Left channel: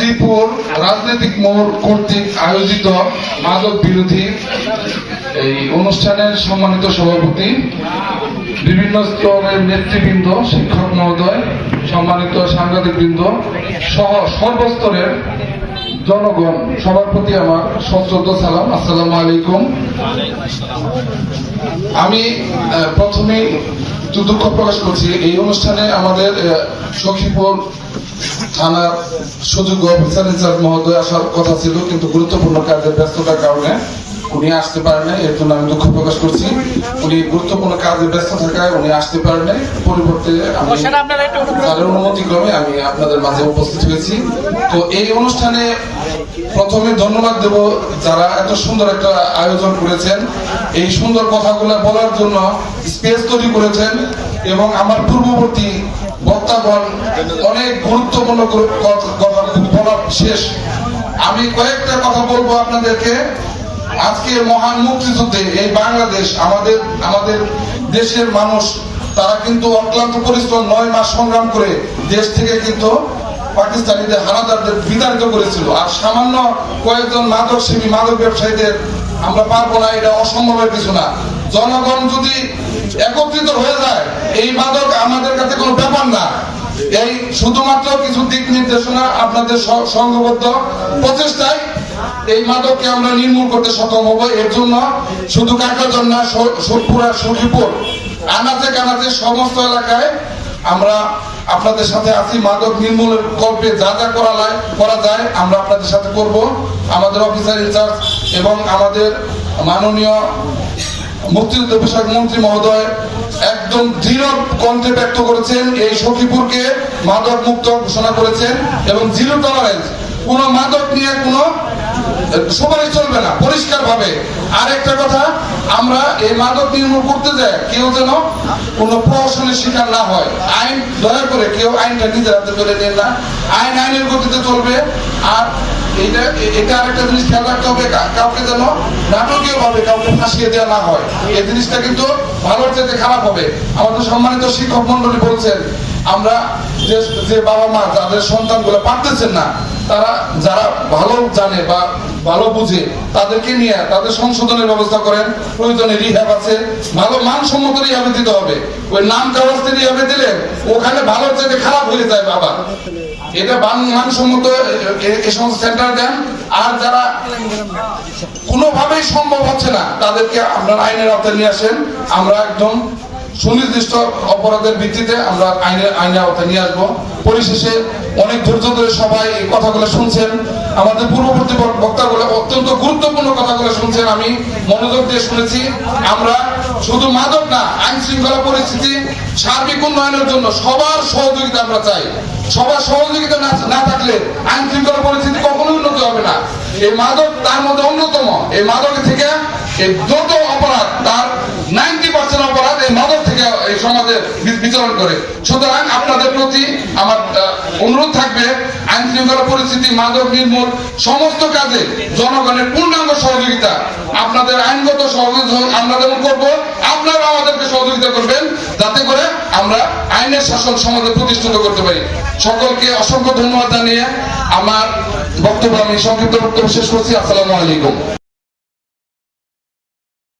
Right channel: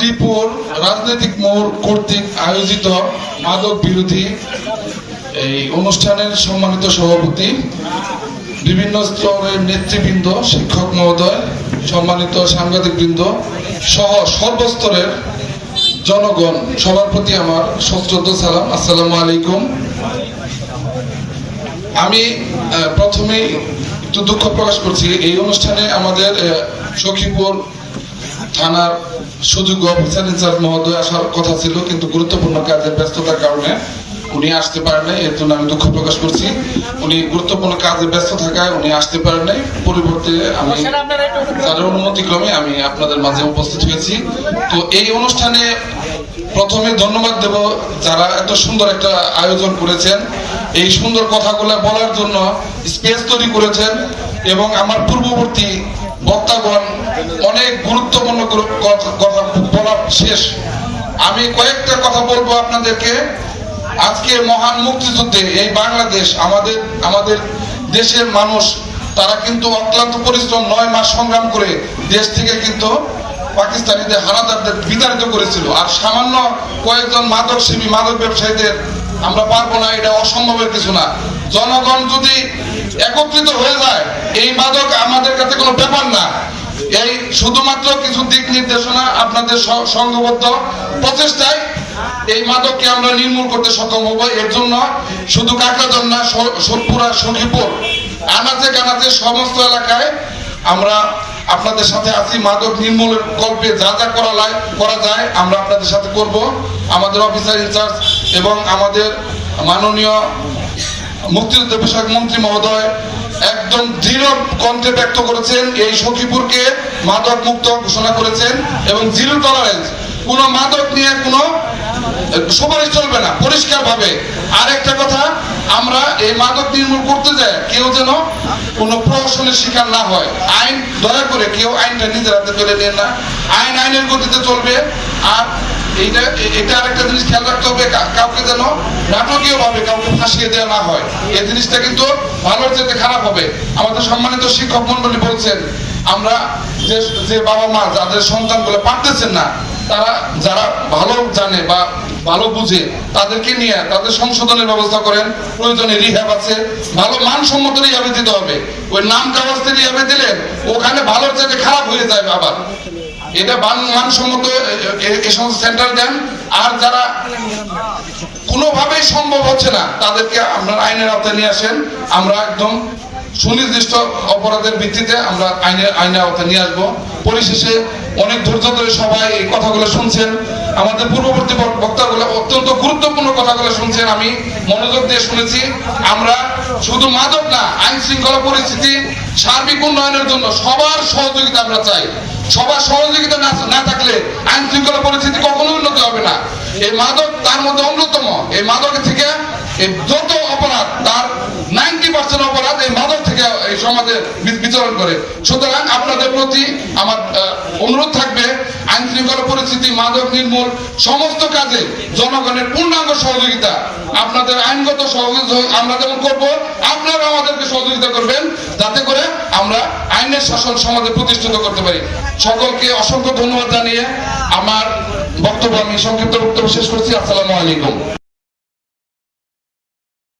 শ্রীপুর রাজনৈতিক মোড় কর্তৃক আয়োজিত মাদক বিরোধী এই অনুষ্ঠানের সম্মানিত সভাপতি, বিভিন্ন স্তরের নেতৃবৃন্দ, শিক্ষক মহোদয়, সম্মানিত সাংবাদিকবৃন্দ সহ সর্বস্তরের জনগণ, সবার প্রতি আমার সশ্রদ্ধ সালাম। আসসালামু আলাইকুম। আমি প্রথমে একটু দুঃখ প্রকাশ করছি, এই অনুষ্ঠানে আমাদের সখীপুর থানার সুযোগ্য অফিসার ইনচার্জ মহোদয় আসার কথা ছিল, কিন্তু গুরুত্বপূর্ণ কাজের ব্যস্ততার কারণে উনি আসতে পারেন নাই। এর জন্য আমি দুঃখ প্রকাশ করছি। উনি গুরুত্বপূর্ণ কাজে ব্যস্ত থাকায় উনি আসতে পারেন নাই। পরিবর্তে আমি তাদের অনুমতিক্রমে আমি আপনাদের মাঝে উপস্থিত হয়েছি। তো এই অনুষ্ঠানে প্রথমে ধন্যবাদ দেব যারা এত সুন্দর একটা আয়োজন করেছেন, এই সুন্দর কথাগুলো বলার জন্য স্পেস তৈরি করেছেন, এবং আমার পূর্ববর্তী বক্তাগণ অনেক গুরুত্বপূর্ণ কথা বলা শেষ। আমি কয়েকটা কথা বলবো আপনাদেরকে। আজকে মহান মুক্তিযুদ্ধে এই বাংলাদেশ, আমাদের দেশের মানুষ, তারা কিন্তু অক্লান্ত পরিশ্রম 9 মাস সংগ্রাম করে দেশ থেকে কিন্তু পাকিস্তানিদের হানাদারদের বিতাড়িত করেছিল। আর সামান্য কয়েকজন মাদক সেবী, মাদক ব্যবসায়ীদের আমরা পারবো না, এটা অসম্ভবের কিছু না। জনগণ যদি একত্রিত হয়ে যায়, এই মাদক আমাদের কাছে কোনো ব্যাপার না। এই শুধুমাত্র কিছু দিক নির্দেশনা, আপনাদের সংঘবদ্ধ প্রচেষ্টায় এই মাদককে আমরা নির্মূল করতে সক্ষম হবো। এর জন্য শুধু কাকরাঝোড় না, পুরা সখীপুর আনাচে কানাচে সমস্ত এলাকায় আমরা আপনাদের সাথে আছি। মাদক নির্মূলের কল্পে যা যা করা যায় আমরা আপনাদের সাথে করব। আমাদের অফিসার ইনচার্জ এবং আমাদের মাননীয় মুক্তিযুদ্ধ বিষয়ক মন্ত্রী মহোদয় একদম দৃঢ় কণ্ঠে ব্যক্ত করেছেন, এই সখীপুরকে মাদক মুক্ত ঘোষণা করেছেন, এবং জিরো টলারেন্স, কোনো মাদক নিয়ে কোনো সুপারিশ চলবে না, পরিষ্কার ভাবে। আরেকটা কথা, আমরা এই মাদক নির্মূল করতে যাই কেউ যেন কোনো প্রহসনের শিকার না হয়। আইন, দয়া করে কেউ আইনটা নিজের হাতে ফেলে নেন না। আইন আইনের গতিতে চলবে। আর এটা আরেকটা জিনিস খেয়াল রাখতে হবে, কাউকে যেন নাটকীয় ভাবে কাউকে ফাঁসিয়ে দেওয়া না হয়। এই জিনিসটা কিন্তু ভালোর চাইতে খারাপ হবে। আমাদের সম্মানিত শিক্ষক মন্ডলী বলছেন, আমরা যে বাবা মা যাদের সন্তানগুলো পারতেছেন না, তারা যারা ভালো জানে বা ভালো বুঝে তাদেরকে নিয়ে তাদের সংশোধনের ব্যবস্থা করেন। প্রয়োজনে রিহ্যাব আছে, ভালো মানসম্মত রিহ্যাবে দিতে হবে। ওই নাম কাগজে রিহ্যাবে দিলে ওখানে ভালো যাতে খারাপ হয়ে যায় বাবা, এটা মানসম্মত এই সমস্ত সেন্টার দেন। আর যারা কোনোভাবেই সম্ভব হচ্ছে না, তাদেরকে আপনার আইনের আওতায় নিয়ে আসেন। আমরা একদম সুনির্দিষ্ট অপরাধের ভিত্তিতে আমরা আইনের আওতায় নিয়ে আসবো। পরিশেষে অনেক ধৈর্য ধরে সবাই এই কথাগুলো শুনছেন, আমাদের পূর্ববর্তী বক্তাগুলো অত্যন্ত গুরুত্বপূর্ণ কথাগুলো শুনছেন, আমি মনোযোগ দিয়ে শুনেছি। আমরা শুধু মাদক না, আইন শৃঙ্খলা পরিস্থিতি সার্বিক উন্নয়নের জন্য সবার সহযোগিতা আমরা চাই। সবার সহযোগিতা না থাকলে আইন শৃঙ্খলা পরিস্থিতি কখনোই উন্নতি হবে না। এই মাদক তার মধ্যে অন্যতম। এই মাদক থেকে যত অপরাধ, তার 90% অপরাধ এই মাদক থেকে এই সমাজে বিচরণ করে। সুতরাং আপনাদের প্রতি আমার অনুরোধ থাকবে, আইন শৃঙ্খলা পরিস্থিতি, মাদক নির্মূল সমস্ত কাজে জনগণের পূর্ণাঙ্গ সহযোগিতা। আপনাদের আইনগত সহযোগিতা আমরা যেমন করবো, আপনারা আমাদেরকে সহযোগিতা করবেন, যাতে করে আমরা আইনের শাসন সমাজে প্রতিষ্ঠিত করতে পারি। সকলকে অসংখ্য ধন্যবাদ জানিয়ে আমার বক্তব্য আমি সংক্ষিপ্ত বক্তব্য শেষ করছি। আসসালামু আলাইকুম।